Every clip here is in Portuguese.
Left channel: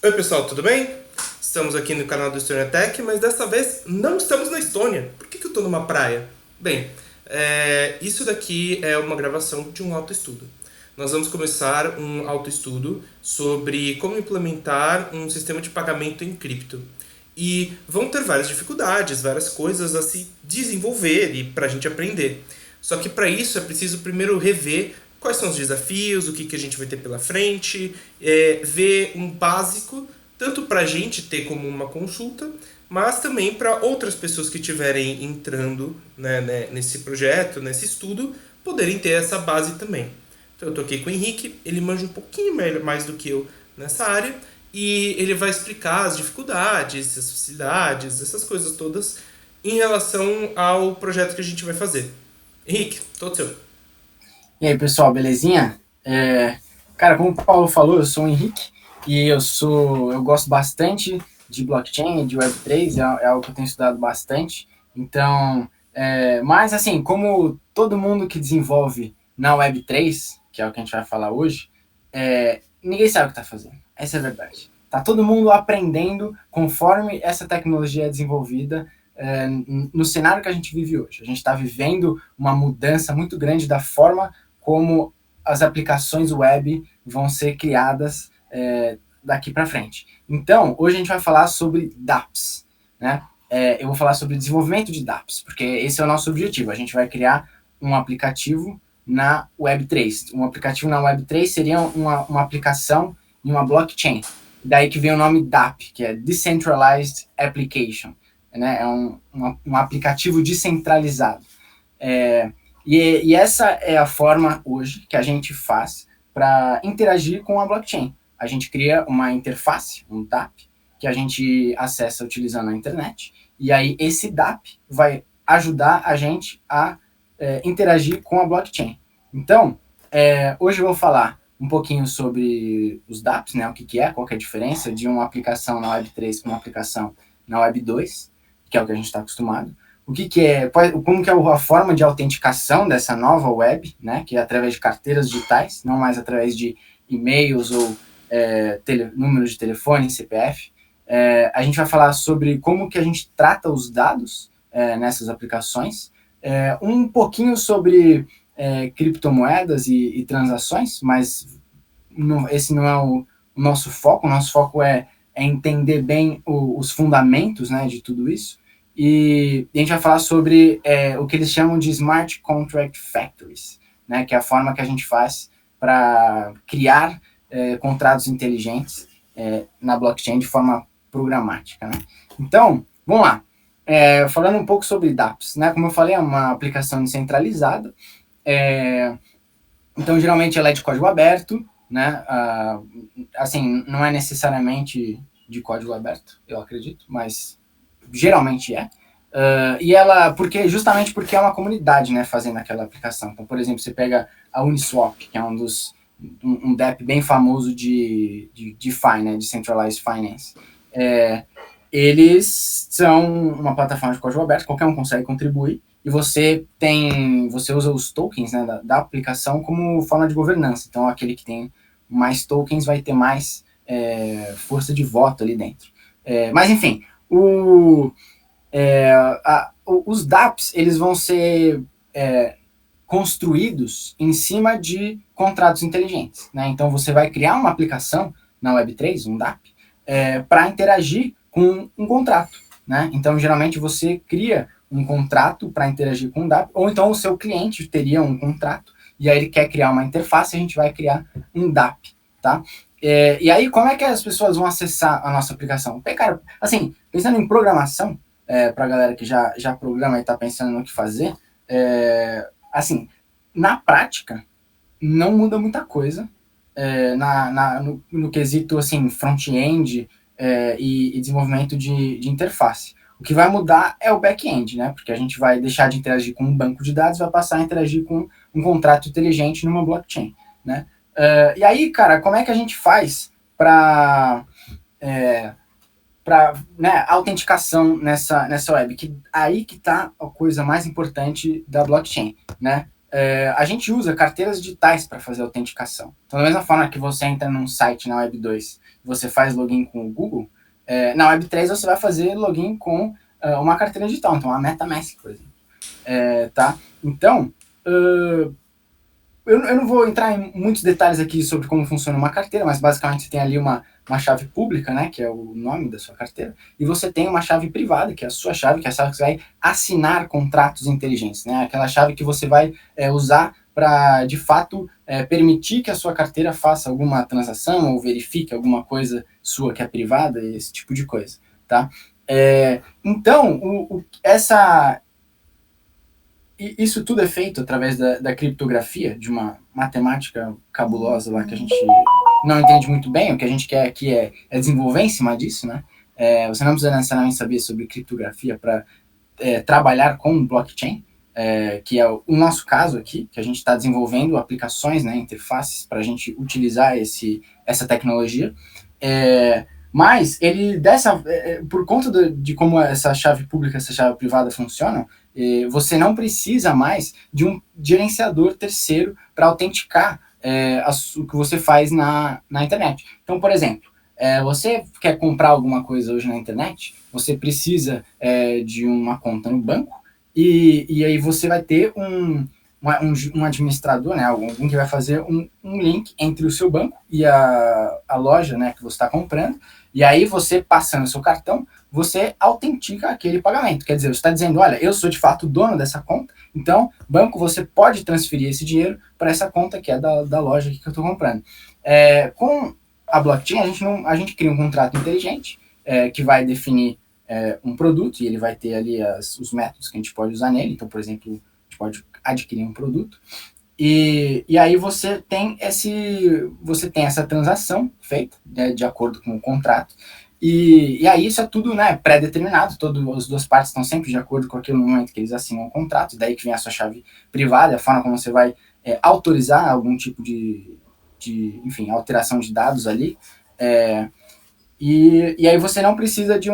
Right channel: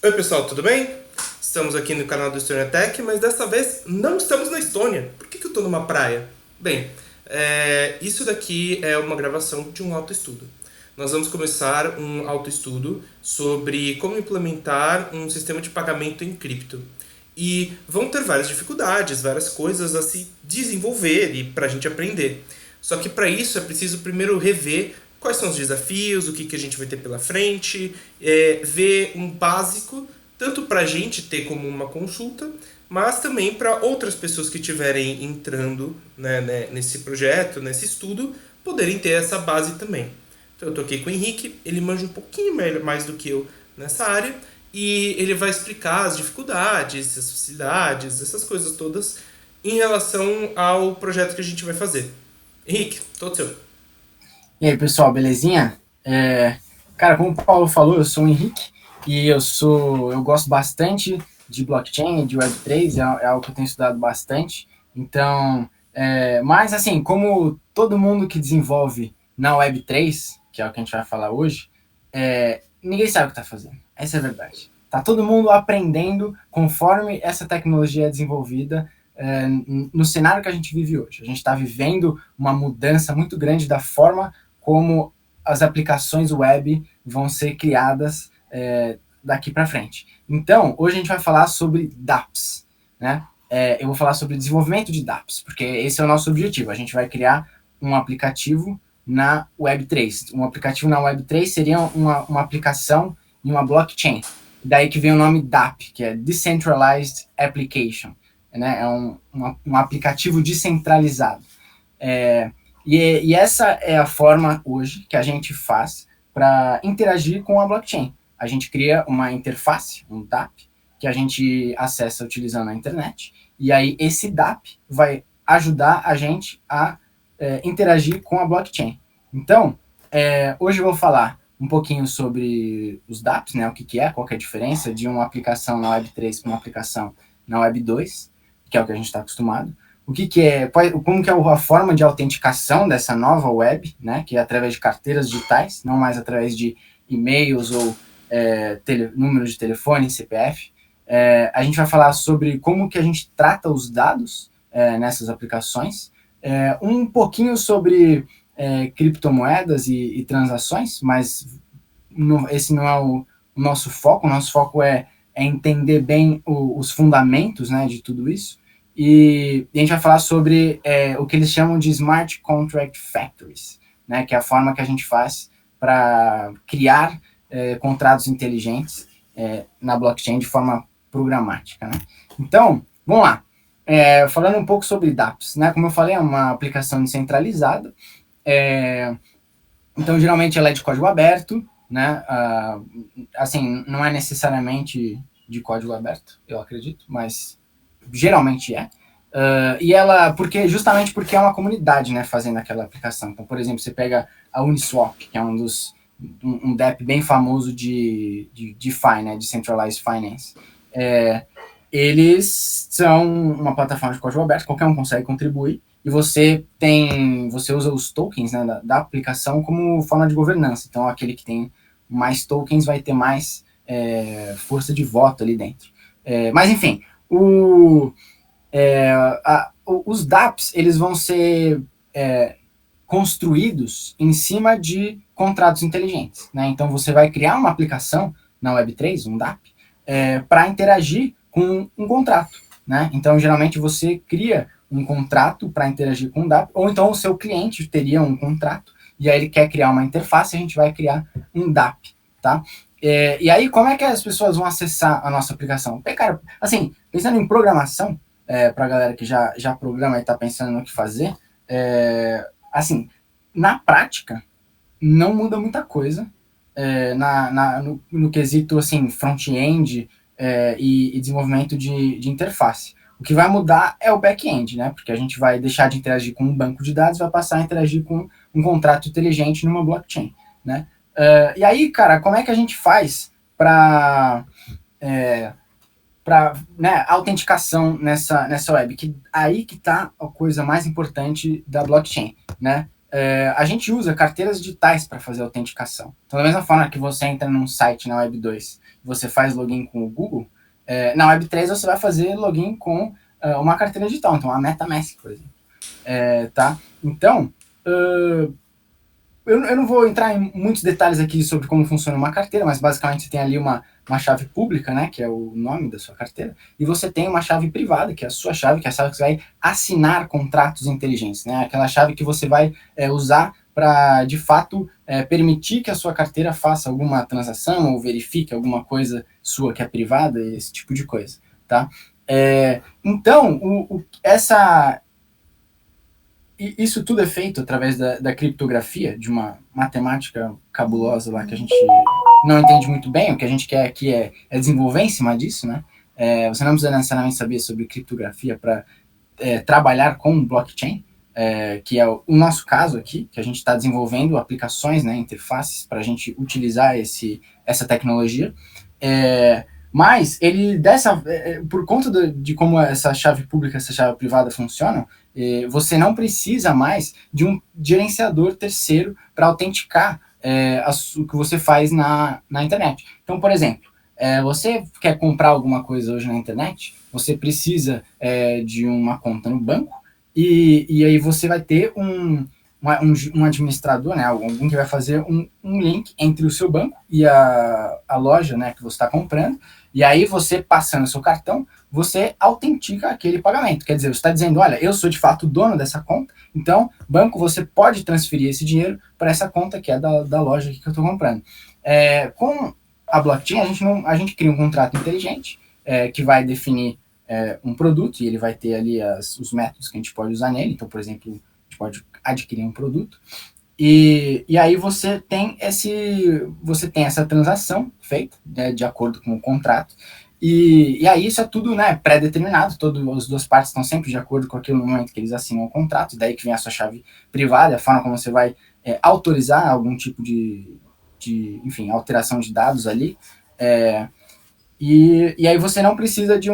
Oi pessoal, tudo bem? Estamos aqui no canal do Estônia Tech, mas dessa vez não estamos na Estônia. Por que eu estou numa praia? Bem, isso daqui é uma gravação de um autoestudo. Nós vamos começar um autoestudo sobre como implementar um sistema de pagamento em cripto. E vão ter várias dificuldades, várias coisas a se desenvolver e para a gente aprender. Só que para isso é preciso primeiro rever quais são os desafios, o que a gente vai ter pela frente, ver um básico, tanto para a gente ter como uma consulta, mas também para outras pessoas que estiverem entrando, né, nesse projeto, nesse estudo, poderem ter essa base também. Então eu tô aqui com o Henrique, ele manja um pouquinho mais do que eu nessa área, e ele vai explicar as dificuldades, as facilidades, essas coisas todas em relação ao projeto que a gente vai fazer. Henrique, todo seu. E aí, pessoal, belezinha? Cara, como o Paulo falou, eu sou o Henrique e eu gosto bastante de blockchain, de Web3, é algo que eu tenho estudado bastante. Então, mas assim, como todo mundo que desenvolve na Web3, que é o que a gente vai falar hoje, ninguém sabe o que está fazendo. Essa é a verdade. Tá todo mundo aprendendo conforme essa tecnologia é desenvolvida no cenário que a gente vive hoje. A gente está vivendo uma mudança muito grande da forma como as aplicações web vão ser criadas daqui para frente. Então, hoje a gente vai falar sobre dApps, né? Eu vou falar sobre desenvolvimento de dApps, porque esse é o nosso objetivo. A gente vai criar um aplicativo na Web3. Um aplicativo na Web3 seria uma aplicação em uma blockchain. Daí que vem o nome dApp, que é Decentralized Application. Né? Um aplicativo descentralizado. E essa é a forma hoje que a gente faz para interagir com a blockchain. A gente cria uma interface, um dApp, que a gente acessa utilizando a internet, e aí esse dApp vai ajudar a gente a interagir com a blockchain. Então, hoje eu vou falar um pouquinho sobre os dApps, né, o que é, qual que é a diferença de uma aplicação na Web3 para uma aplicação na Web2, que é o que a gente está acostumado. O que é, como que é a forma de autenticação dessa nova web, né, que é através de carteiras digitais, não mais através de e-mails ou números de telefone, CPF. A gente vai falar sobre como que a gente trata os dados nessas aplicações, um pouquinho sobre criptomoedas e transações, mas esse não é o nosso foco é entender bem os fundamentos, né, de tudo isso. E a gente vai falar sobre o que eles chamam de Smart Contract Factories, né, que é a forma que a gente faz para criar contratos inteligentes na blockchain de forma programática. Né? Então, vamos lá. Falando um pouco sobre dApps, né? Como eu falei, é uma aplicação descentralizada. Então, geralmente ela é de código aberto, né? Assim, não é necessariamente de código aberto, eu acredito, mas geralmente é. E ela, justamente porque é uma comunidade, né, fazendo aquela aplicação. Então, por exemplo, você pega a Uniswap, que é um DApp bem famoso de DeFi, né, de Centralized Finance. Eles são uma plataforma de código aberto, qualquer um consegue contribuir, e você usa os tokens, né, da aplicação como forma de governança. Então, aquele que tem mais tokens vai ter mais força de voto ali dentro. Mas, enfim, os dApps eles vão ser construídos em cima de contratos inteligentes. Né? Então, você vai criar uma aplicação na Web3, um dApp, para interagir com um contrato. Né? Então, geralmente, você cria um contrato para interagir com o dApp, ou então o seu cliente teria um contrato, e aí ele quer criar uma interface, a gente vai criar um dApp. Tá? E aí, como é que as pessoas vão acessar a nossa aplicação? Porque, cara, assim, pensando em programação, para a galera que já programa e está pensando no que fazer, assim, na prática, não muda muita coisa no quesito assim, front-end e desenvolvimento de interface. O que vai mudar é o back-end, né? Porque a gente vai deixar de interagir com um banco de dados, vai passar a interagir com um contrato inteligente numa blockchain, né? E aí, cara, como é que a gente faz para né, autenticação nessa web? Que aí que está a coisa mais importante da blockchain, né? a gente usa carteiras digitais para fazer autenticação. Então, da mesma forma que você entra num site na Web 2, você faz login com o Google, na Web 3 você vai fazer login com uma carteira digital, então uma MetaMask, por exemplo. Tá? Então, eu não vou entrar em muitos detalhes aqui sobre como funciona uma carteira, mas basicamente você tem ali uma chave pública, né, que é o nome da sua carteira, e você tem uma chave privada, que é a sua chave, que é a chave que você vai assinar contratos inteligentes, né, aquela chave que você vai usar para, de fato, permitir que a sua carteira faça alguma transação ou verifique alguma coisa sua que é privada, esse tipo de coisa, tá? Então, isso tudo é feito através da criptografia, de uma matemática cabulosa lá que a gente não entende muito bem. O que a gente quer aqui é desenvolver em cima disso, né? Você não precisa necessariamente saber sobre criptografia para trabalhar com blockchain, que é o nosso caso aqui, que a gente está desenvolvendo aplicações, né, interfaces para a gente utilizar essa tecnologia. Mas ele por conta de como essa chave pública, essa chave privada funcionam, você não precisa mais de um gerenciador terceiro para autenticar o que você faz na internet. Então, por exemplo, você quer comprar alguma coisa hoje na internet, você precisa de uma conta no banco, e aí você vai ter um administrador, né, alguém que vai fazer um link entre o seu banco e a loja, né, que você está comprando, e aí você, passando o seu cartão, você autentica aquele pagamento. Quer dizer, você está dizendo, olha, eu sou de fato dono dessa conta, então, banco, você pode transferir esse dinheiro para essa conta que é da loja que eu estou comprando. Com a blockchain, a gente cria um contrato inteligente que vai definir um produto, e ele vai ter ali os métodos que a gente pode usar nele. Então, por exemplo, a gente pode adquirir um produto, e aí você tem essa transação feita, né, de acordo com o contrato, e aí isso é tudo, né, pré-determinado, as duas partes estão sempre de acordo com aquele momento que eles assinam o contrato, daí que vem a sua chave privada, a forma como você vai autorizar algum tipo de enfim, alteração de dados ali, e aí você não precisa de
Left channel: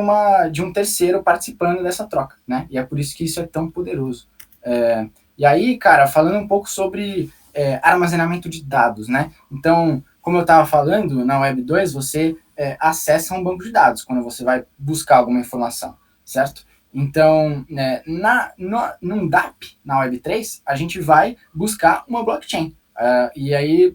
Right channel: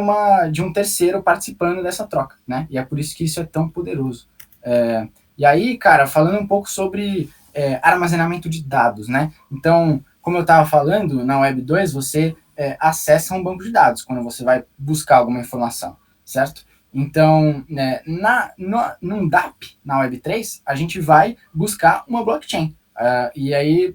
um terceiro participando dessa troca, né, e é por isso que isso é tão poderoso. E aí, cara, falando um pouco sobre armazenamento de dados, né? Então, como eu estava falando, na Web 2 você acessa um banco de dados quando você vai buscar alguma informação, certo? Então, num DApp, na Web 3, a gente vai buscar uma blockchain. E aí,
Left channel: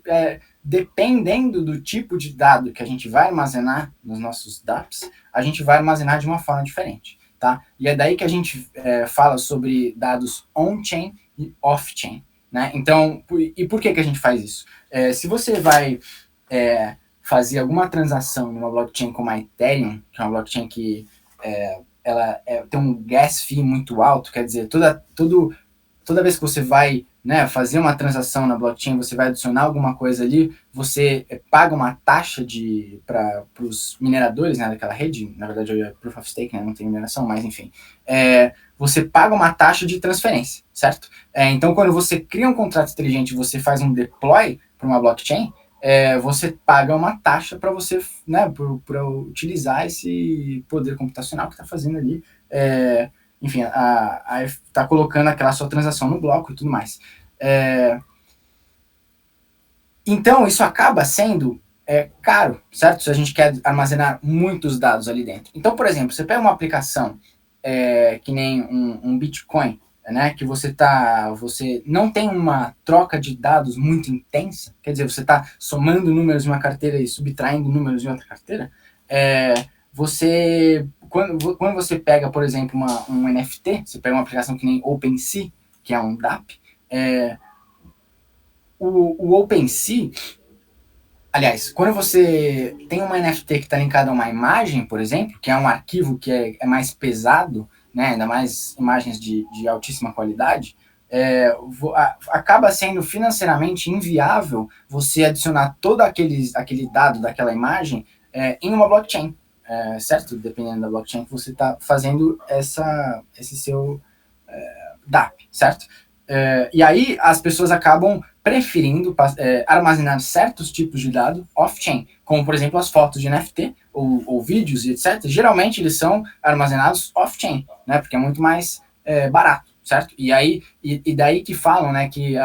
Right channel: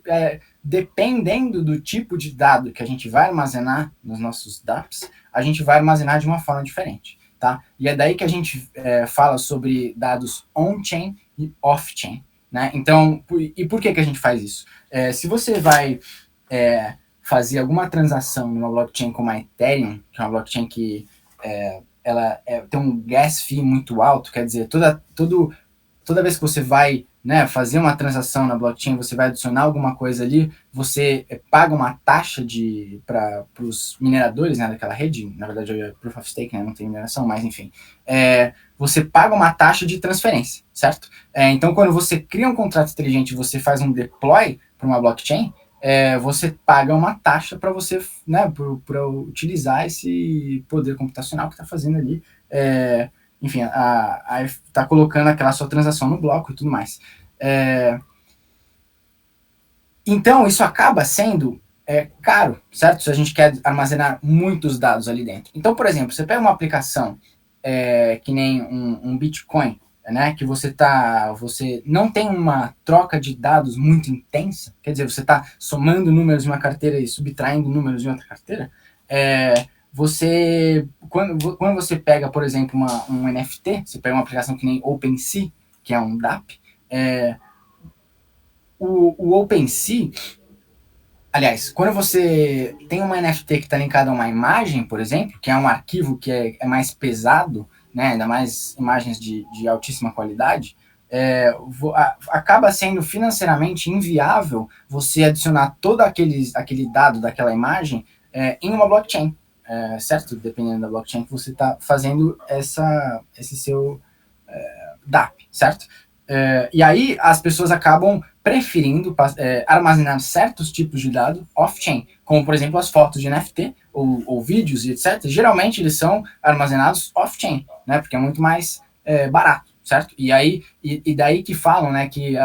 dependendo do tipo de dado que a gente vai armazenar nos nossos DApps, a gente vai armazenar de uma forma diferente, tá? E é daí que a gente fala sobre dados on-chain e off-chain, né? Então, e por que a gente faz isso? Se você vai fazer alguma transação numa blockchain como a Ethereum, que é uma blockchain que ela tem um gas fee muito alto, quer dizer, toda vez que você vai, né, fazer uma transação na blockchain, você vai adicionar alguma coisa ali, você paga uma taxa para os mineradores, né, daquela rede. Na verdade é Proof of Stake, né, não tem mineração, mas enfim, você paga uma taxa de transferência, certo? Então, quando você cria um contrato inteligente e você faz um deploy para uma blockchain, você paga uma taxa para você, né, para utilizar esse poder computacional que está fazendo ali, enfim, tá colocando aquela sua transação no bloco e tudo mais. Então, isso acaba sendo caro, certo? Se a gente quer armazenar muitos dados ali dentro. Então, por exemplo, você pega uma aplicação que nem um Bitcoin, né, que você não tem uma troca de dados muito intensa, quer dizer, você está somando números em uma carteira e subtraindo números em outra carteira, quando você pega, por exemplo, um NFT, você pega uma aplicação que nem OpenSea, que é um DApp, o OpenSea, aliás, quando você tem uma NFT que está linkada a uma imagem, por exemplo, que é um arquivo que é mais pesado, né, ainda mais imagens de altíssima qualidade, acaba sendo financeiramente inviável você adicionar todo aquele dado daquela imagem em uma blockchain, certo? Dependendo da blockchain que você está fazendo esse seu DApp, certo? E aí as pessoas acabam preferindo armazenar certos tipos de dados off-chain, como, por exemplo, as fotos de NFT ou vídeos e etc. Geralmente eles são armazenados off-chain, né? Porque é muito mais barato, certo? E daí que falam, né, que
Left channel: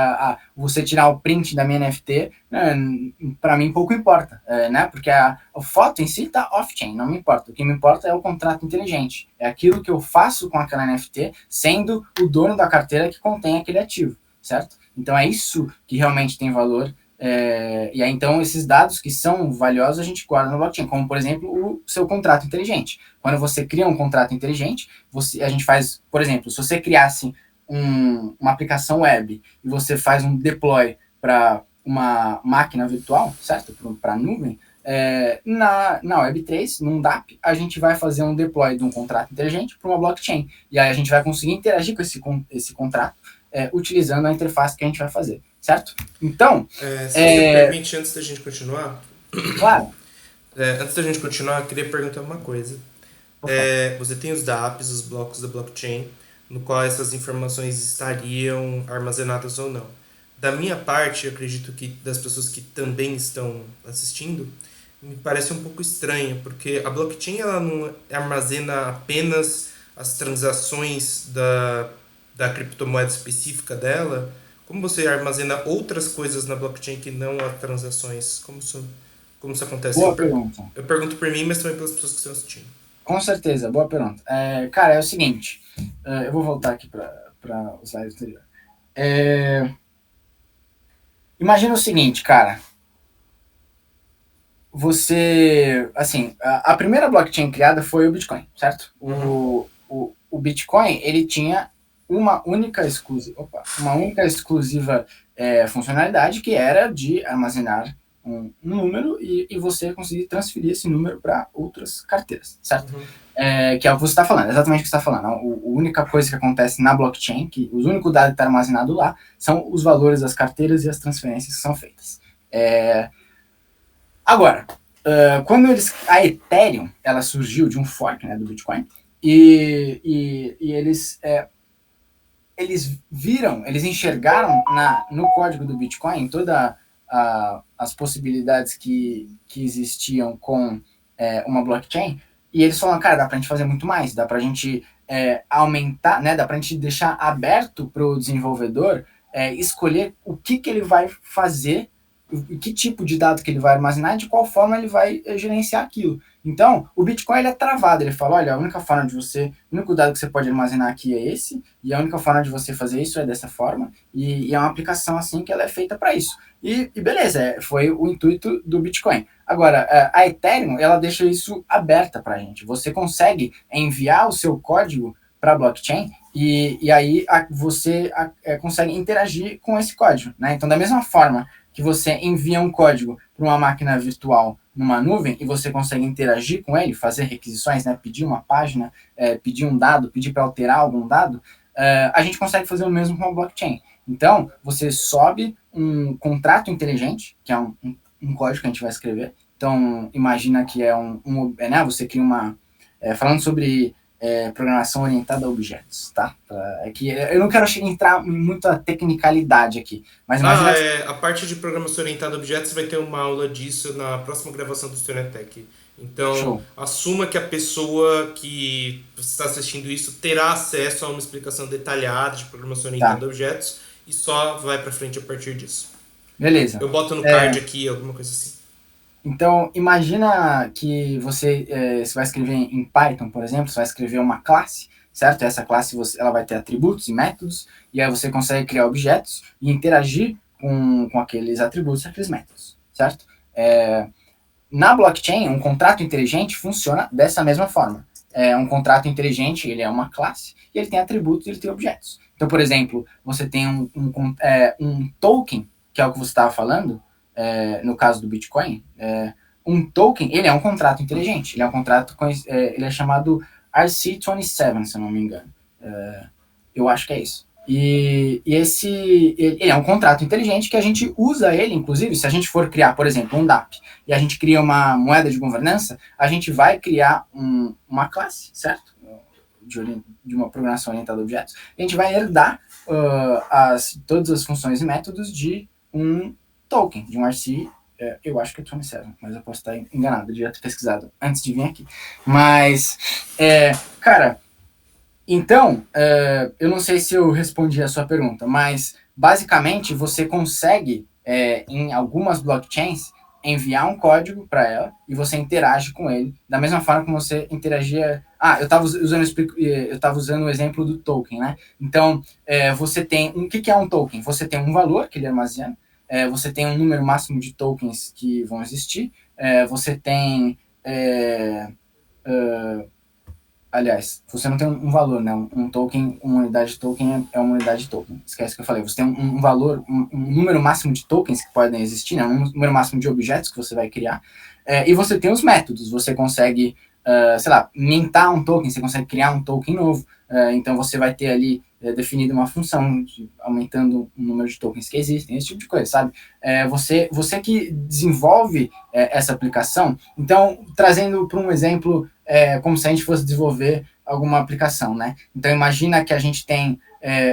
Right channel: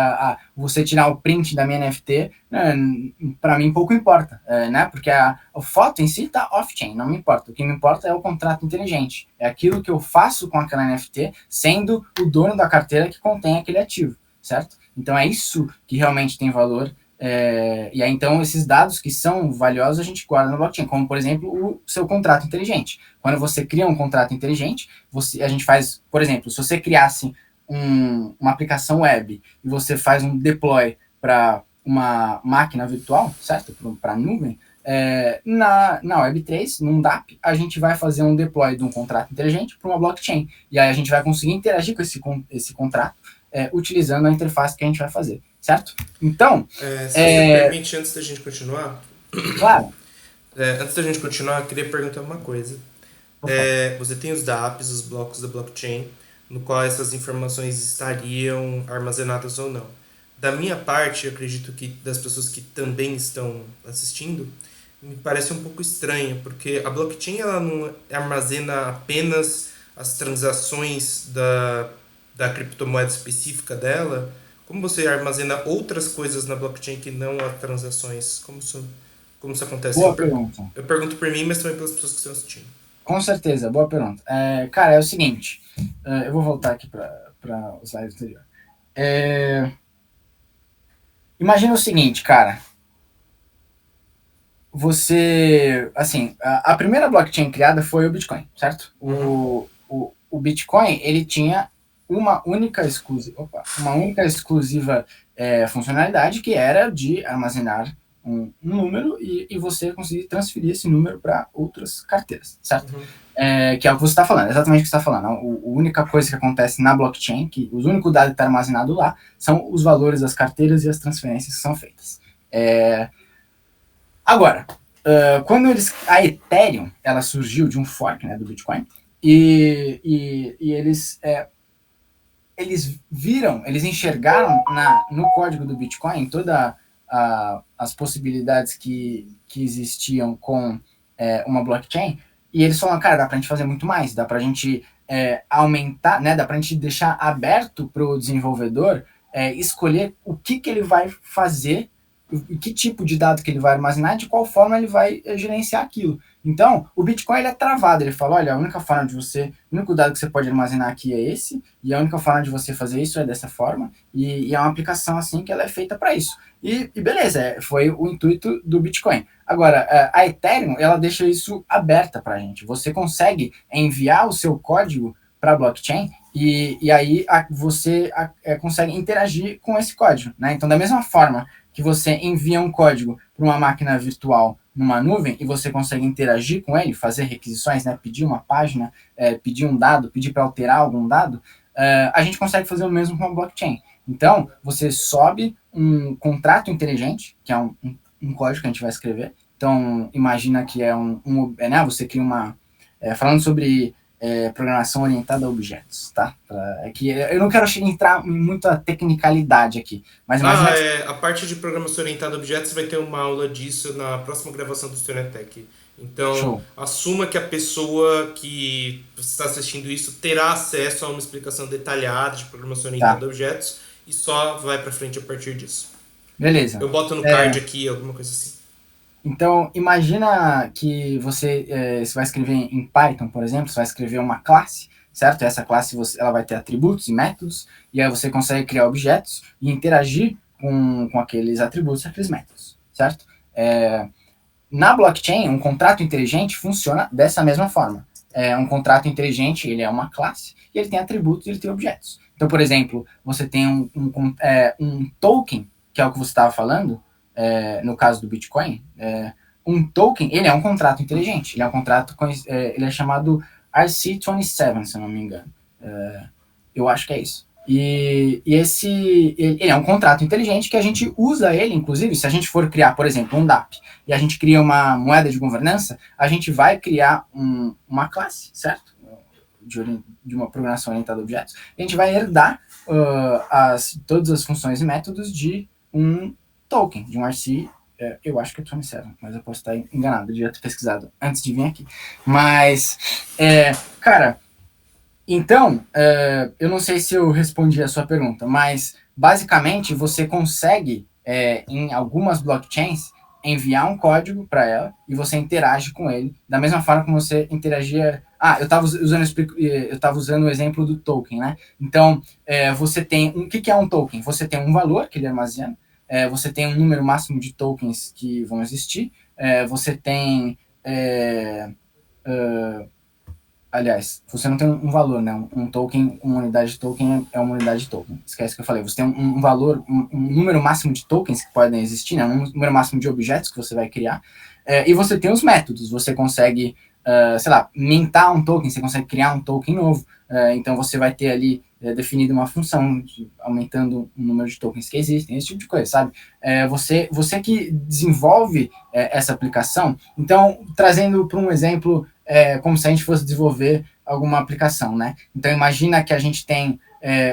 você tirar o print da minha NFT, para mim pouco importa, né? Porque a foto em si tá off-chain, não me importa. O que me importa é o contrato inteligente. É aquilo que eu faço com aquela NFT, sendo o dono da carteira que contém aquele ativo, certo? Então é isso que realmente tem valor. E aí, então, esses dados que são valiosos a gente guarda no blockchain, como, por exemplo, o seu contrato inteligente. Quando você cria um contrato inteligente, a gente faz, por exemplo, se você criasse uma aplicação web e você faz um deploy para uma máquina virtual, certo? Para a nuvem, na Web3, num DApp, a gente vai fazer um deploy de um contrato inteligente para uma blockchain. E aí a gente vai conseguir interagir com esse contrato utilizando a interface que a gente vai fazer, certo? Então... Se você me permite, antes da gente continuar... Claro. Antes da gente continuar, eu queria perguntar uma coisa. Você tem os dApps, os blocos da blockchain, no qual essas informações estariam armazenadas ou não. Da minha parte, eu acredito que das pessoas que também estão assistindo, me parece um pouco estranho, porque a blockchain ela não armazena apenas as transações da criptomoeda específica dela. Como você armazena outras coisas na blockchain que não as transações? Como isso acontece? Boa pergunta. Eu pergunto por mim, mas também pelas pessoas que estão assistindo. Com certeza, boa pergunta. Cara, é o seguinte, eu vou voltar aqui para o slide anterior. Imagina o seguinte, cara. Você, assim, a primeira blockchain criada foi o Bitcoin, certo? Uhum. O Bitcoin, ele tinha uma única exclusiva funcionalidade, que era de armazenar um número e você conseguir transferir esse número para outras carteiras, certo? Uhum. Que é o que você está falando, exatamente o que você está falando. A única coisa que acontece na blockchain, que os únicos dados que está armazenado lá, são os valores das carteiras e as transferências que são feitas. Agora, quando a Ethereum, ela surgiu de um fork, né, do Bitcoin, e eles enxergaram no código do Bitcoin todas as possibilidades que existiam com uma blockchain, e eles falaram, cara, dá pra gente fazer muito mais, dá pra gente aumentar, né, dá pra gente deixar aberto pro desenvolvedor escolher o que ele vai fazer, que tipo de dado que ele vai armazenar e de qual forma ele vai gerenciar aquilo. Então, o Bitcoin ele é travado, ele fala, olha, a única forma de você, o único dado que você pode armazenar aqui é esse, e a única forma de você fazer isso é dessa forma, e é uma aplicação assim que ela é feita para isso. E beleza, foi o intuito do Bitcoin. Agora, a Ethereum, ela deixa isso aberta para a gente. Você consegue enviar o seu código para a blockchain e aí você consegue interagir com esse código, né? Então, da mesma forma que você envia um código para uma máquina virtual numa nuvem e você consegue interagir com ele, fazer requisições, né, pedir uma página, pedir um dado, pedir para alterar algum dado, a gente consegue fazer o mesmo com a blockchain. Então, você sobe um contrato inteligente, que é um código que a gente vai escrever. Então, imagina que né, você cria falando sobre programação orientada a objetos, tá? Que eu não quero entrar em muita tecnicalidade aqui, mas imagina a parte de programação orientada a objetos vai ter uma aula disso na próxima gravação do Stoner Tech. Então, show. Assuma que a pessoa que está assistindo isso terá acesso a uma explicação detalhada de programação orientada a objetos e só vai para frente a partir disso. Beleza. Eu boto no card aqui, alguma coisa assim. Então, imagina que você vai escrever em Python, por exemplo, você vai escrever uma classe, certo? Essa classe ela vai ter atributos e métodos, e aí você consegue criar objetos e interagir com aqueles atributos e aqueles métodos, certo? Na blockchain, um contrato inteligente funciona dessa mesma forma. Um contrato inteligente, ele é uma classe, e ele tem atributos e ele tem objetos. Então, por exemplo, você tem um token, que é o que você estava falando, no caso do Bitcoin, um token, ele é um contrato inteligente, ele é um contrato, ele é chamado RC27, se eu não me engano. Eu acho que é isso. E ele é um contrato inteligente que a gente usa ele, inclusive, se a gente for criar, por exemplo, um DApp, e a gente cria uma moeda de governança, a gente vai criar uma classe, certo? De uma programação orientada a objetos, e a gente vai herdar todas as funções e métodos de um token, de um RC, eu acho que é 27, mas eu posso estar enganado, eu devia ter pesquisado antes de vir aqui. Mas, cara, Então, eu não sei se eu respondi a sua pergunta, mas basicamente você consegue, em algumas blockchains, enviar um código para ela e você interage com ele da mesma forma como você interagia. Ah, eu estava usando o exemplo do token, né? Então, você tem o que é um token? Você tem um valor que ele armazena, você tem um número máximo de tokens que vão existir, você tem é, aliás, você não tem um valor, né? Um token, uma unidade de token é uma unidade de token. Esquece que eu falei. Você tem um valor, um número máximo de tokens que podem existir, né? Um número máximo de objetos que você vai criar. E você tem os métodos. Você consegue, sei lá, mintar um token, você consegue criar um token novo. Então você vai ter ali definido uma função aumentando o número de tokens que existem, esse tipo de coisa, sabe? Você que desenvolve essa aplicação. Então, trazendo para um exemplo como se a gente fosse desenvolver alguma aplicação, né? Então imagina que a gente tem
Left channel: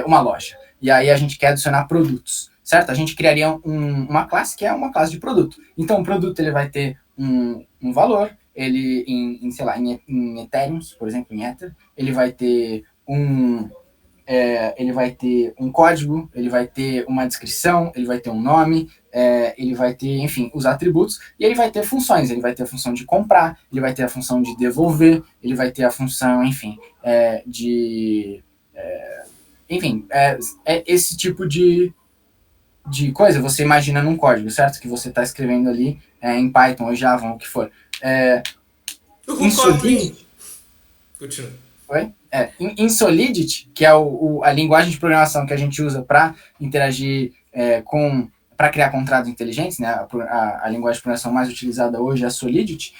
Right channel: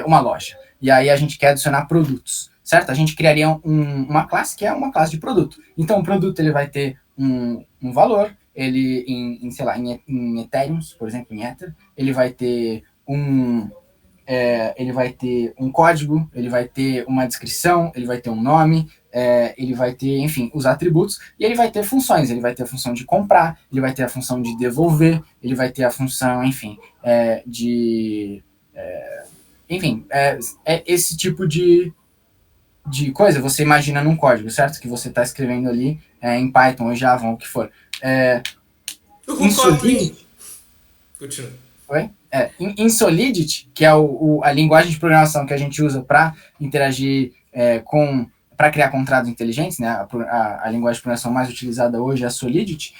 uma loja e aí a gente quer adicionar produtos, certo? A gente criaria uma classe que é uma classe de produto. Então o produto ele vai ter um valor, ele sei lá, em Ethereum, por exemplo, em Ether, ele vai ter ele vai ter um código, ele vai ter uma descrição, ele vai ter um nome, ele vai ter, enfim, os atributos, e ele vai ter funções, ele vai ter a função de comprar, ele vai ter a função de devolver, ele vai ter a função, enfim, enfim, esse tipo de coisa você imagina num código, certo? Que você está escrevendo ali em Python ou Java, ou o que for. Em O Kotlin! Solidity, Continua. em Solidity, que é a linguagem de programação que a gente usa para interagir para criar contratos inteligentes, né? A linguagem de programação mais utilizada hoje é a Solidity.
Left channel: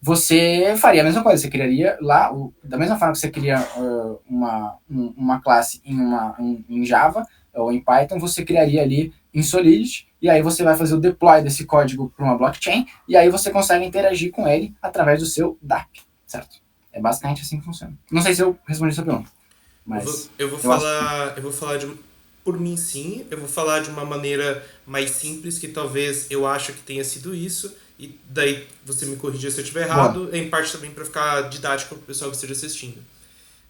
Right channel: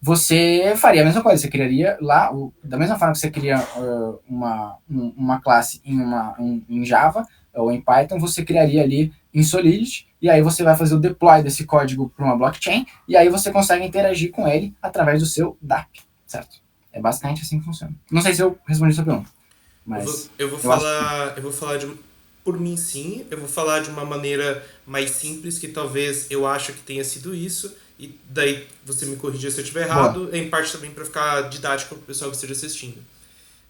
Você faria a mesma coisa, você criaria lá, da mesma forma que você cria uma classe em Java ou em Python, você criaria ali em Solidity, e aí você vai fazer o deploy desse código para uma blockchain, e aí você consegue interagir com ele através do seu DApp, certo? É basicamente assim que funciona. Não sei se eu respondi a sua pergunta, mas eu acho que sim. Eu vou falar por mim sim, eu vou falar de uma maneira mais simples que talvez eu acho que tenha sido isso e daí você me corrigir se eu estiver Boa. errado, em parte também para ficar didático para o pessoal que esteja assistindo.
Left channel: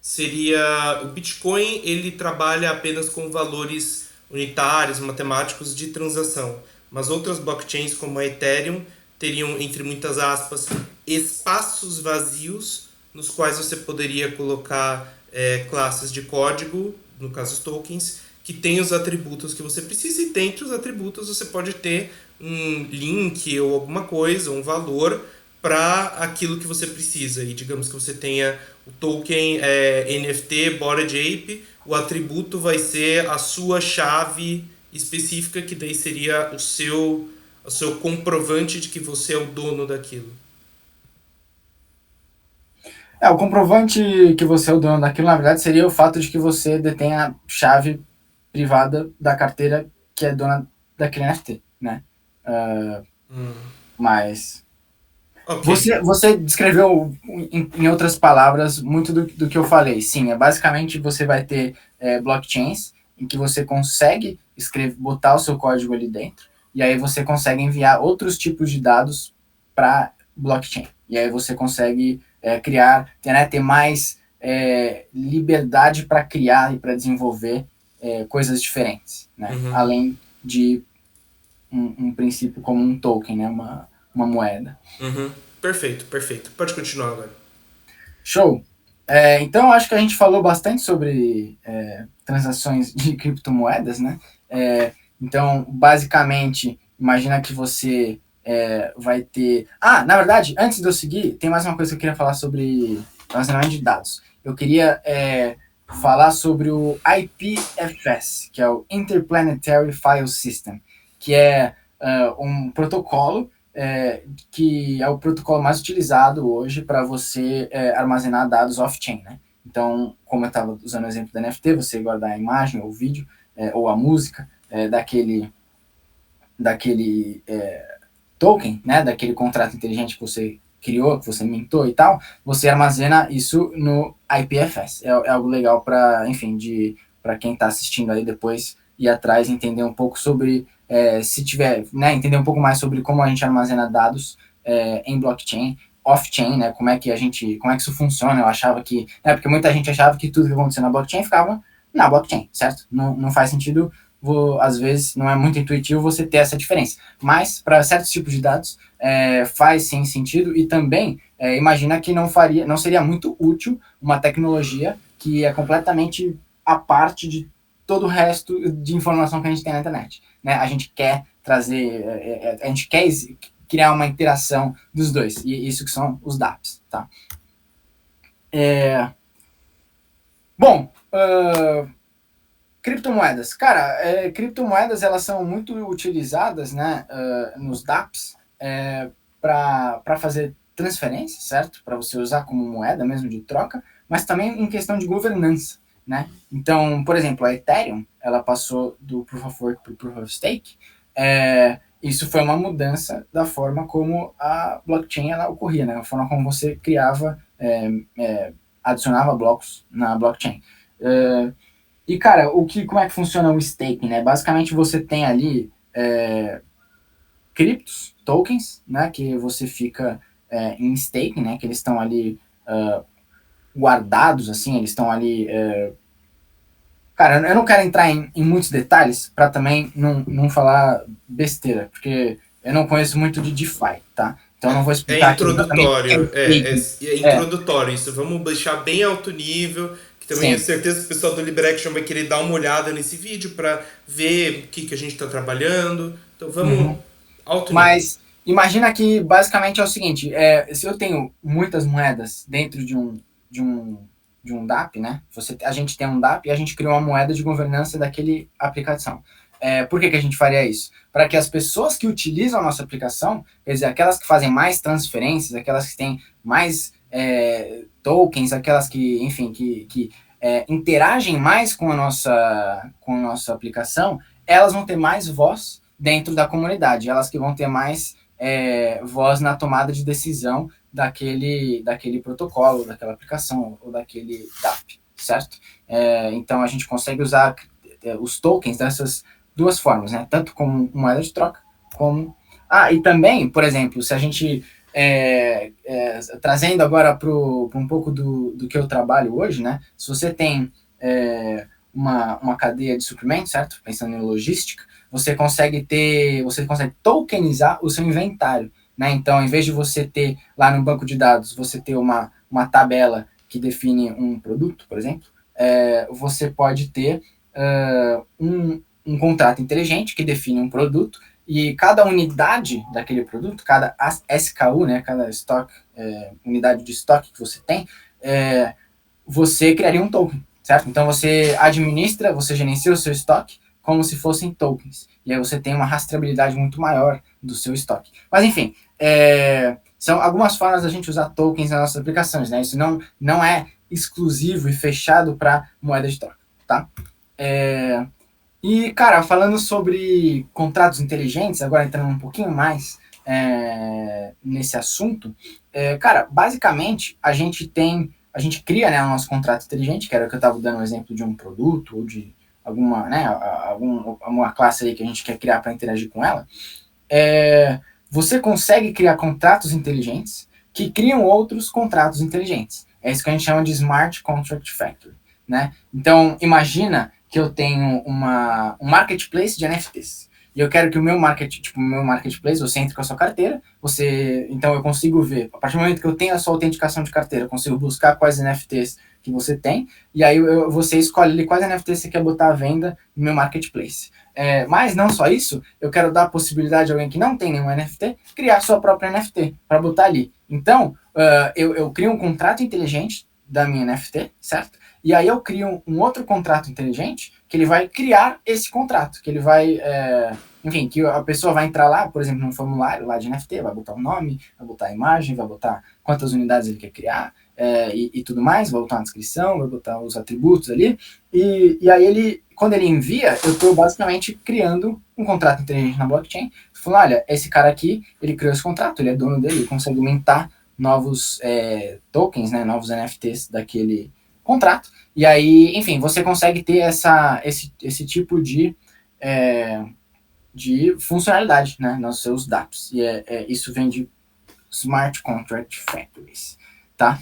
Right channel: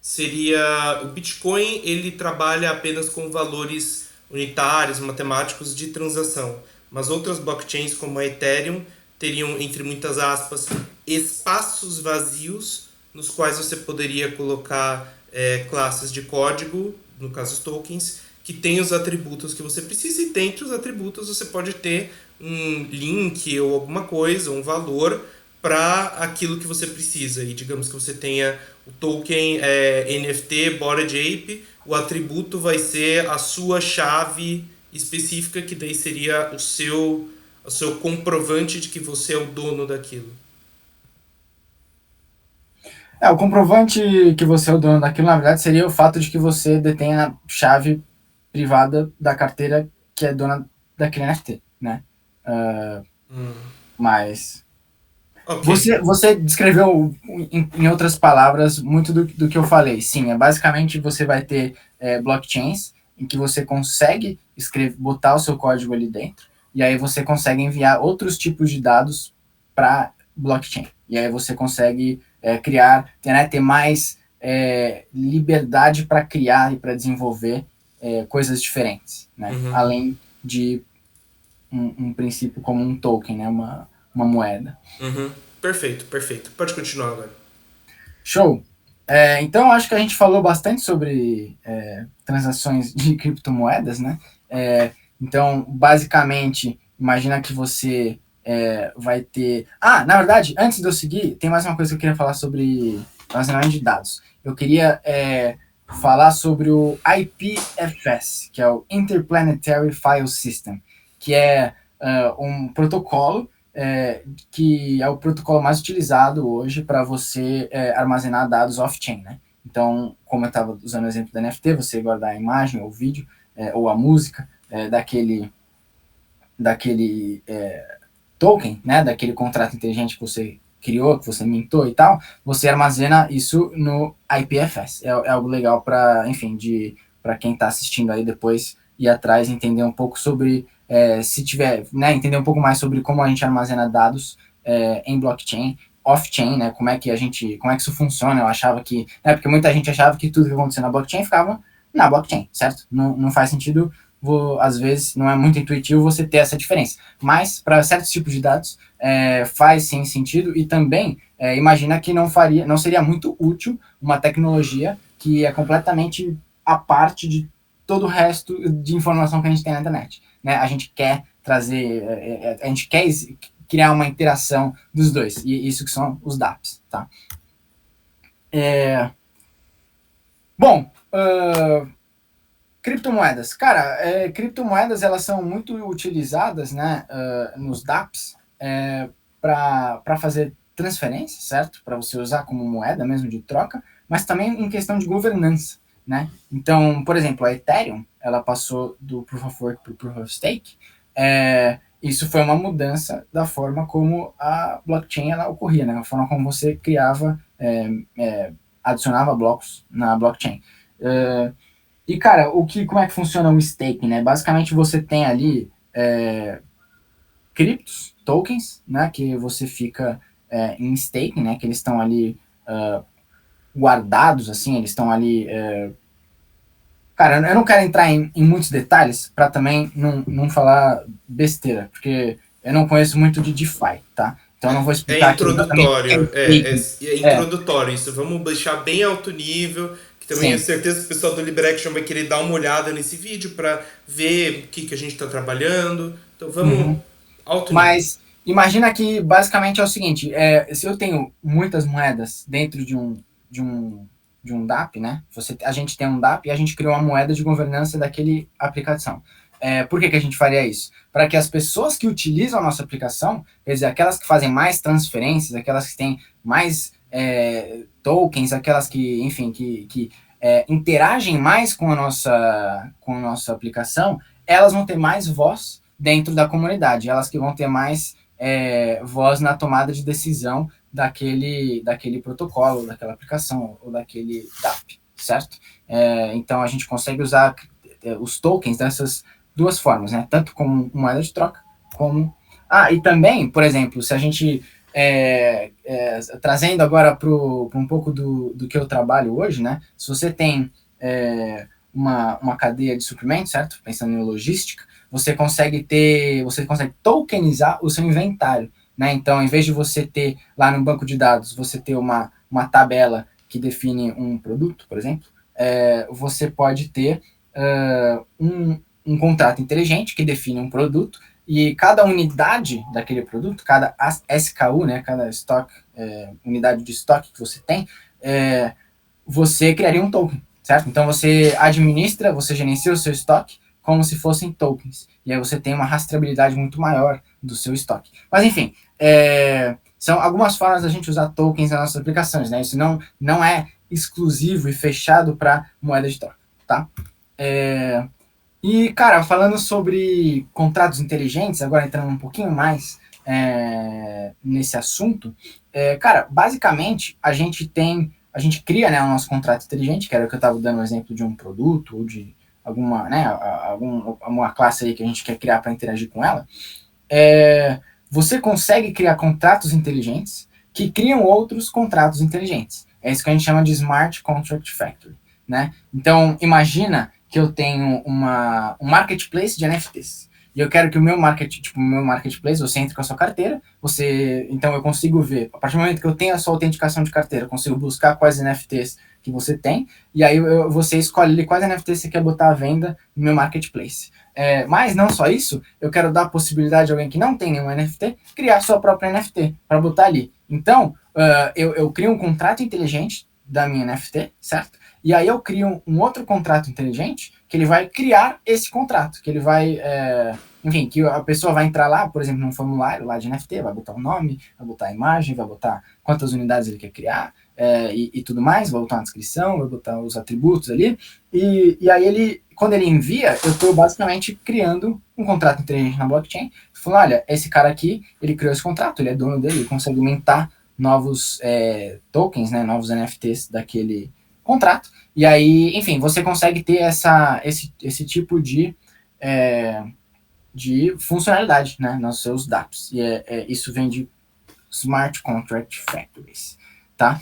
Seria o Bitcoin, ele trabalha apenas com valores unitários, matemáticos de transação, mas outras blockchains como a Ethereum teriam, entre muitas aspas, espaços vazios nos quais você poderia colocar classes de código, no caso os tokens, que tem os atributos que você precisa, e dentre os atributos você pode ter um link ou alguma coisa, um valor para aquilo que você precisa. E digamos que você tenha o token NFT Bored Ape, o atributo vai ser a sua chave específica, que daí seria o seu comprovante de que você é o dono daquilo. O comprovante que você é o dono daquilo, na verdade, seria o fato de que você detém a chave privada da carteira que é dona daquele NFT, né? Uh, mas Ok. você descreveu, em outras palavras, muito do que eu falei. Sim, basicamente você vai ter blockchains em que você consegue botar o seu código ali dentro, e aí você consegue enviar outros tipos de dados para blockchain. E aí você consegue ter mais liberdade para criar e para desenvolver coisas diferentes, né? Além de um princípio como um token, né? Uma moeda. Perfeito, perfeito. Pode continuar agora. Show! Então, acho que a gente falou bastante sobre transações de criptomoedas, né? Então, basicamente, imagina que você vai ter... Ah, na verdade, antes de eu seguir, tem mais uma coisa que eu queria falar sobre armazenamento de dados. Eu queria falar sobre o IPFS, que é o Interplanetary File System, que é um protocolo que é o protocolo mais utilizado hoje para você armazenar dados off-chain, né? Então, como eu estava usando o exemplo da NFT, você guardar a imagem ou o vídeo ou a música daquele token, né? Daquele contrato inteligente que você criou, que você mintou e tal, você armazena isso no IPFS. É algo legal para, enfim, para quem está assistindo aí depois ir atrás e entender um pouco sobre se tiver, né, entender um pouco mais sobre como a gente armazena dados em blockchain off-chain, né? Como é que isso funciona? Eu achava que, né? Porque muita gente achava que tudo que acontecia na blockchain ficava na blockchain, certo? Não faz sentido, às vezes não é muito intuitivo você ter essa diferença. Mas para certos tipos de dados faz sim sentido e também imagina que não seria muito útil uma tecnologia que é completamente a parte de todo o resto de informação que a gente tem na internet, né? A gente quer trazer, a gente quer criar uma interação dos dois, e isso que são os dApps, tá? Bom, criptomoedas. Cara, criptomoedas elas são muito utilizadas, né, nos dApps para fazer transferência, certo? Para você usar como moeda mesmo de troca, mas também em questão de governança, né? Então, por exemplo, a Ethereum, ela passou do Proof of Work para o Proof of Stake. Isso foi uma mudança da forma como a blockchain ela ocorria, né? A forma como você criava, adicionava blocos na blockchain. E, cara, como é que funciona o staking, né? Basicamente, você tem ali criptos, tokens, né? Que você fica em staking, né? Que eles estão ali guardados, assim, eles estão ali... Cara, eu não quero entrar em muitos detalhes para também não falar besteira, porque eu não conheço muito de DeFi, tá? Então eu não vou É explicar aqui exatamente o que é introdutório, staking. é introdutório isso. Vamos deixar bem alto nível, que também tenho Sim. certeza que o pessoal do Liberaction vai querer dar uma olhada nesse vídeo para ver o que a gente está trabalhando. Então vamos Uhum. alto nível. Mas imagina que basicamente é o seguinte: se eu tenho muitas moedas dentro de um, de um DApp, né? A gente tem um DApp e a gente criou uma moeda de governança daquele aplicação. Por que a gente faria isso? Para que as pessoas que utilizam a nossa aplicação, quer dizer, aquelas que fazem mais transferências, aquelas que têm mais tokens, aquelas que, enfim, que interagem mais com a nossa aplicação, elas vão ter mais voz dentro da comunidade, elas que vão ter mais voz na tomada de decisão daquele protocolo, daquela aplicação ou daquele DApp, certo? Então a gente consegue usar os tokens dessas duas formas, né? Tanto como moeda de troca, como... e também, por exemplo, se a gente... trazendo agora para um pouco do que eu trabalho hoje, né? Se você tem uma cadeia de suprimentos, certo? Pensando em logística, você consegue tokenizar o seu inventário, né? Então, em vez de você ter lá no banco de dados, você ter uma tabela que define um produto, por exemplo, você pode ter um contrato inteligente que define um produto e cada unidade daquele produto, cada SKU, né, cada unidade de estoque que você tem, você criaria um token, certo? Então você administra, você gerencia o seu estoque como se fossem tokens. E aí você tem uma rastreabilidade muito maior do seu estoque. Mas enfim, são algumas formas da gente usar tokens nas nossas aplicações, né? Isso não é exclusivo e fechado para moeda de troca, tá? E, cara, falando sobre contratos inteligentes, agora entrando um pouquinho mais nesse assunto, cara, basicamente a gente cria, né, o nosso contrato inteligente, que era o que eu estava dando um exemplo de um produto ou de alguma, né, uma classe aí que a gente quer criar para interagir com ela. Você consegue criar contratos inteligentes que criam outros contratos inteligentes. É isso que a gente chama de Smart Contract Factory, né? Então, imagina que eu tenho um marketplace de NFTs. E eu quero que o meu marketplace, você entre com a sua carteira, então eu consigo ver, a partir do momento que eu tenho a sua autenticação de carteira, eu consigo buscar quais NFTs que você tem, e aí você escolhe quais NFTs você quer botar à venda no meu marketplace. Mas não só isso, eu quero dar a possibilidade de alguém que não tem nenhum NFT criar sua própria NFT para botar ali. Então, eu crio um contrato inteligente da minha NFT, certo? E aí eu crio um outro contrato inteligente que ele vai criar esse contrato, que ele vai, enfim, que a pessoa vai entrar lá, por exemplo, num formulário lá de NFT, vai botar o nome, vai botar a imagem, vai botar quantas unidades ele quer criar e tudo mais, vai botar uma descrição, vai botar os atributos ali, e aí quando ele envia, eu estou basicamente criando um contrato inteligente na blockchain, falando, olha, esse cara aqui, ele criou esse contrato, ele é dono dele, ele consegue mintar novos tokens, né, novos NFTs daquele contrato, e aí, enfim, você consegue ter esse tipo de funcionalidade, né, nos seus dApps, e isso vem de Smart Contract Factories, tá?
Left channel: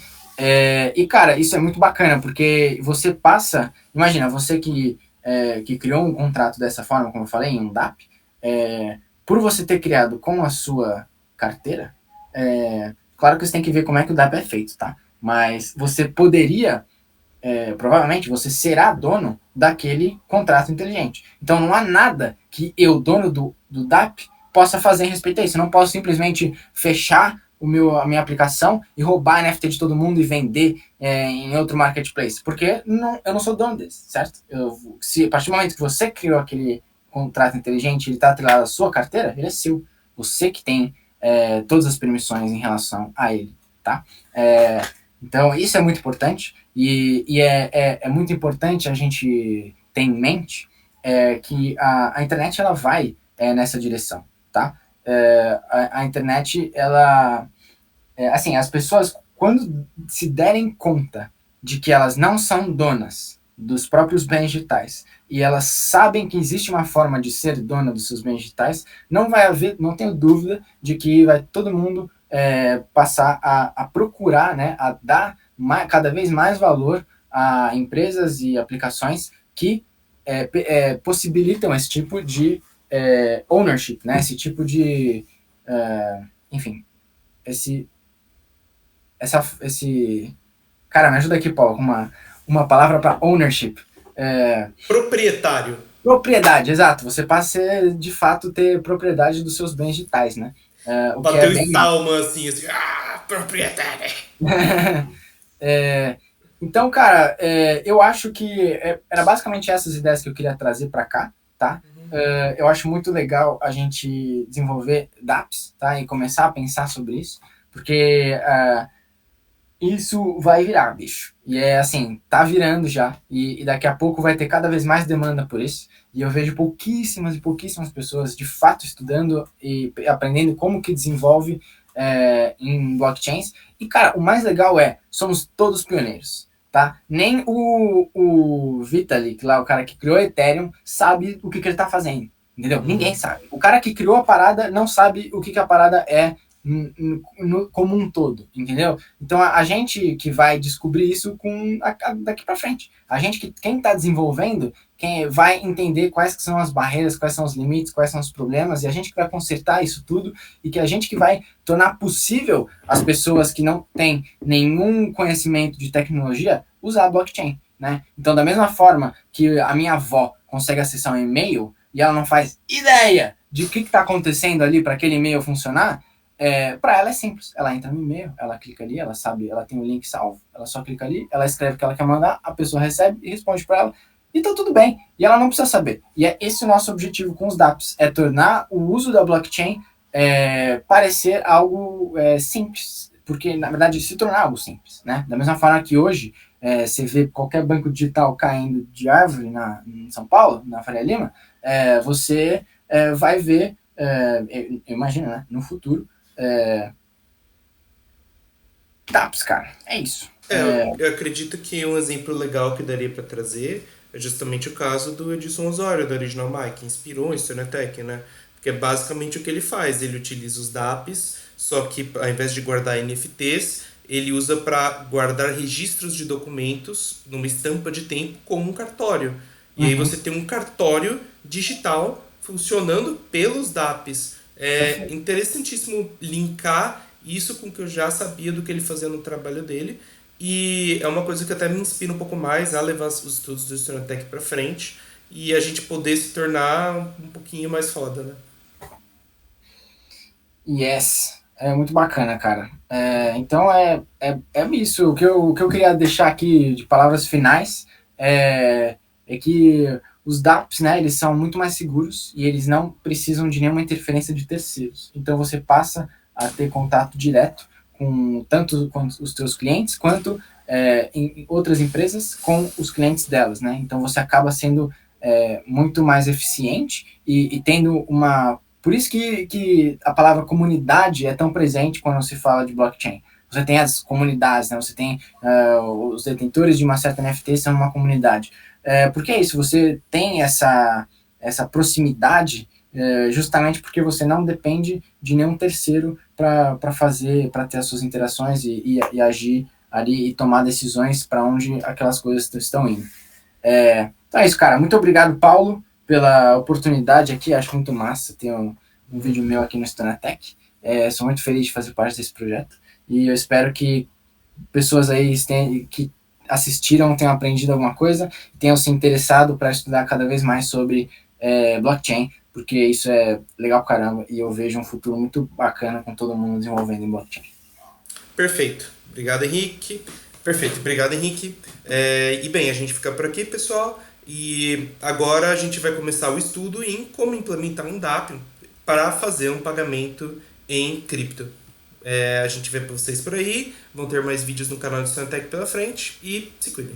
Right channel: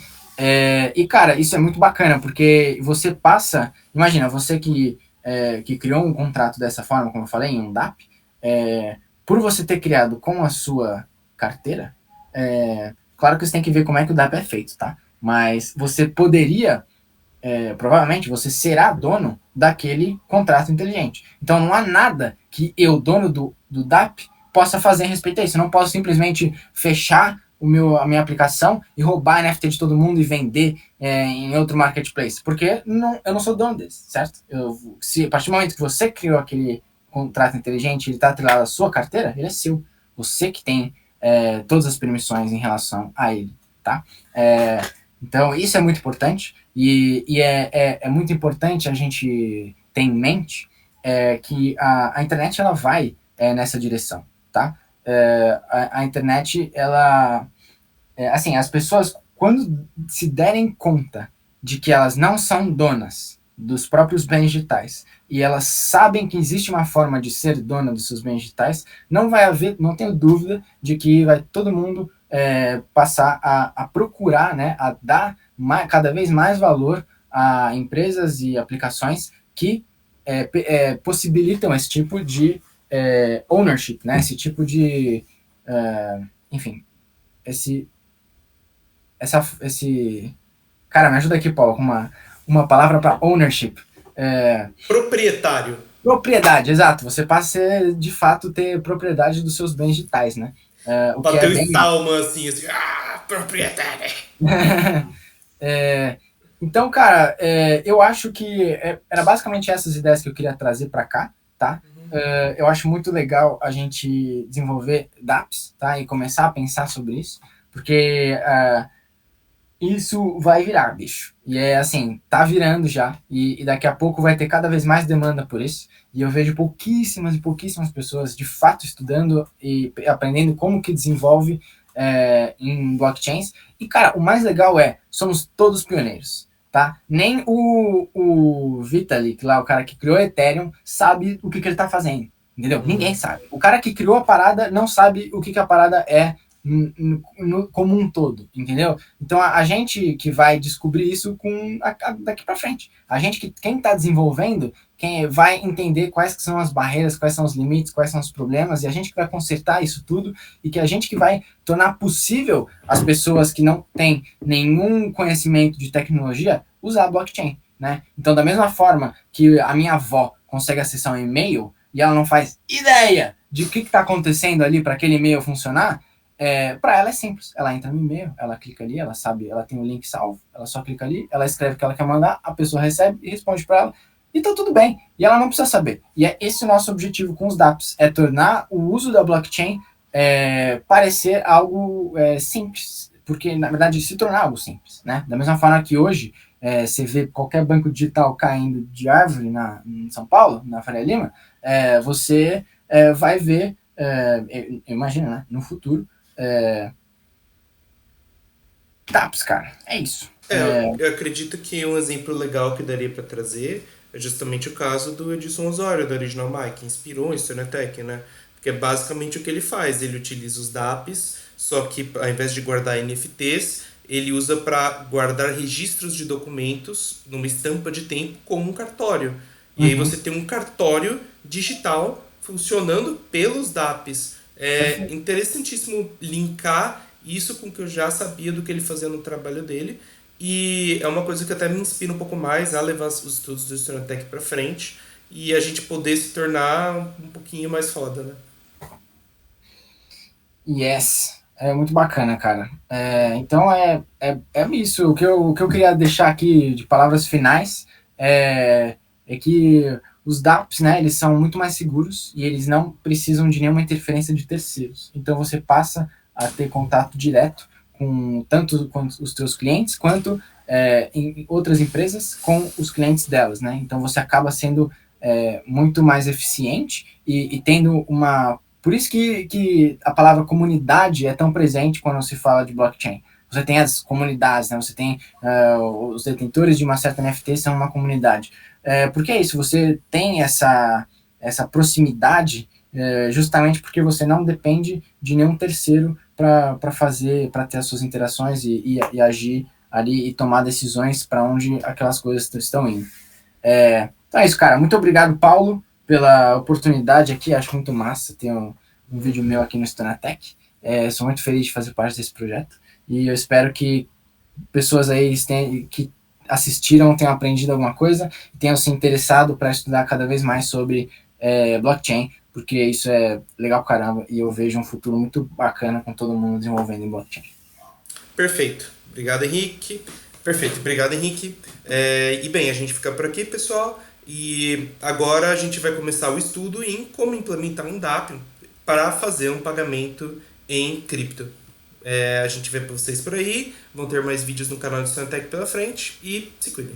E, cara, isso é muito bacana, porque você passa... Imagina, você que criou um contrato dessa forma, como eu falei, em um DAP, por você ter criado com a sua carteira, claro que você tem que ver como é que o DAP é feito, tá? Mas você poderia, provavelmente, você será dono daquele contrato inteligente. Então não há nada que eu, dono do DAP, possa fazer em respeito a isso. Eu não posso simplesmente fechar a minha aplicação e roubar a NFT de todo mundo e vender em outro marketplace. Porque eu não sou dono desse, certo? A partir do momento que você criou aquele contrato inteligente, ele está atrelado à sua carteira, ele é seu. Você que tem todas as permissões em relação a ele, tá? Então, isso é muito importante e é muito importante a gente ter em mente que a internet ela vai nessa direção, tá? A internet, ela... assim, as pessoas, quando se derem conta de que elas não são donas dos próprios bens digitais e elas sabem que existe uma forma de ser dona dos seus bens digitais, não tenho dúvida de que vai todo mundo passar a procurar, né, a dar cada vez mais valor a empresas e aplicações que possibilitam esse tipo de ownership, né, esse tipo de, enfim, esse... Cara, me ajuda aqui, Paulo, com uma palavra para ownership. Proprietário. Propriedade, exato. Você passa a, de fato, ter propriedade dos seus bens digitais, né? O que é Bateu bem... Stallman assim, proprietário. Então, cara, eu acho que era basicamente essas ideias que eu queria trazer para cá, tá? Eu acho muito legal a gente desenvolver dApps, tá? E começar a pensar sobre isso, porque isso vai virar, bicho. E assim, tá virando já. E daqui a pouco vai ter cada vez mais demanda por isso. E eu vejo pouquíssimas e pouquíssimas pessoas de fato estudando e aprendendo como que desenvolve em blockchains. E, cara, o mais legal somos todos pioneiros, tá? Nem o Vitalik, lá, o cara que criou o Ethereum, sabe o que ele tá fazendo. Entendeu? Ninguém sabe. O cara que criou a parada não sabe o que a parada é como um todo, entendeu? Então a gente que vai descobrir isso daqui para frente. Quem está desenvolvendo, quem vai entender quais que são as barreiras, quais são os limites, quais são os problemas, e a gente que vai consertar isso tudo, e que a gente que vai tornar possível as pessoas que não têm nenhum conhecimento de tecnologia usar a blockchain, né? Então, da mesma forma que a minha avó consegue acessar um e-mail e ela não faz ideia de o que está acontecendo ali para aquele e-mail funcionar, para ela é simples. Ela entra no e-mail, ela clica ali, ela sabe, ela tem o link salvo, ela só clica ali, ela escreve o que ela quer mandar, a pessoa recebe e responde para ela, e tá tudo bem. E ela não precisa saber. E é esse o nosso objetivo com os dApps, tornar o uso da blockchain parecer algo simples, porque na verdade se tornar algo simples, né? Da mesma forma que hoje você vê qualquer banco digital caindo de árvore em São Paulo, na Faria Lima, você vai ver, imagina, né, no futuro, dApps, cara. É isso. Eu acredito que um exemplo legal que daria para trazer é justamente o caso do Edson Osório, da Original Mic, que inspirou o Stonetech, né? Porque é basicamente o que ele faz. Ele utiliza os dApps, só que ao invés de guardar NFTs, ele usa para guardar registros de documentos numa estampa de tempo como um cartório. E aí você tem um cartório digital funcionando pelos dApps. É interessantíssimo linkar isso com o que eu já sabia do que ele fazia no trabalho dele. E é uma coisa que até me inspira um pouco mais a levar os estudos do Stonetech para frente e a gente poder se tornar um pouquinho mais foda, né? Yes. É muito bacana, cara. Então é isso. O que eu queria deixar aqui de palavras finais é que os dApps, né, eles são muito mais seguros e eles não precisam de nenhuma interferência de terceiros. Então você passa a ter contato direto tanto com os teus clientes quanto em outras empresas com os clientes delas, né? Então você acaba sendo muito mais eficiente e tendo uma... Por isso que a palavra comunidade é tão presente quando se fala de blockchain. Você tem as comunidades, né? Você tem os detentores de uma certa NFT são uma comunidade. Porque é isso, você tem essa proximidade justamente porque você não depende de nenhum terceiro para fazer, para ter as suas interações e agir ali e tomar decisões para onde aquelas coisas estão indo. Então é isso, cara. Muito obrigado, Paulo, pela oportunidade aqui. Acho muito massa ter um vídeo meu aqui no Stonatech. Sou muito feliz de fazer parte desse projeto e eu espero que pessoas aí que assistiram tenham aprendido alguma coisa, tenham se interessado para estudar cada vez mais sobre blockchain, porque isso é legal pra caramba e eu vejo um futuro muito bacana com todo mundo desenvolvendo em blockchain. Perfeito. Obrigado, Henrique. Perfeito, obrigado, Henrique. E bem, a gente fica por aqui, pessoal. E agora a gente vai começar o estudo em como implementar um DApp para fazer um pagamento em cripto. A gente vê para vocês por aí. Vão ter mais vídeos no canal do Santec pela frente. E se cuidem.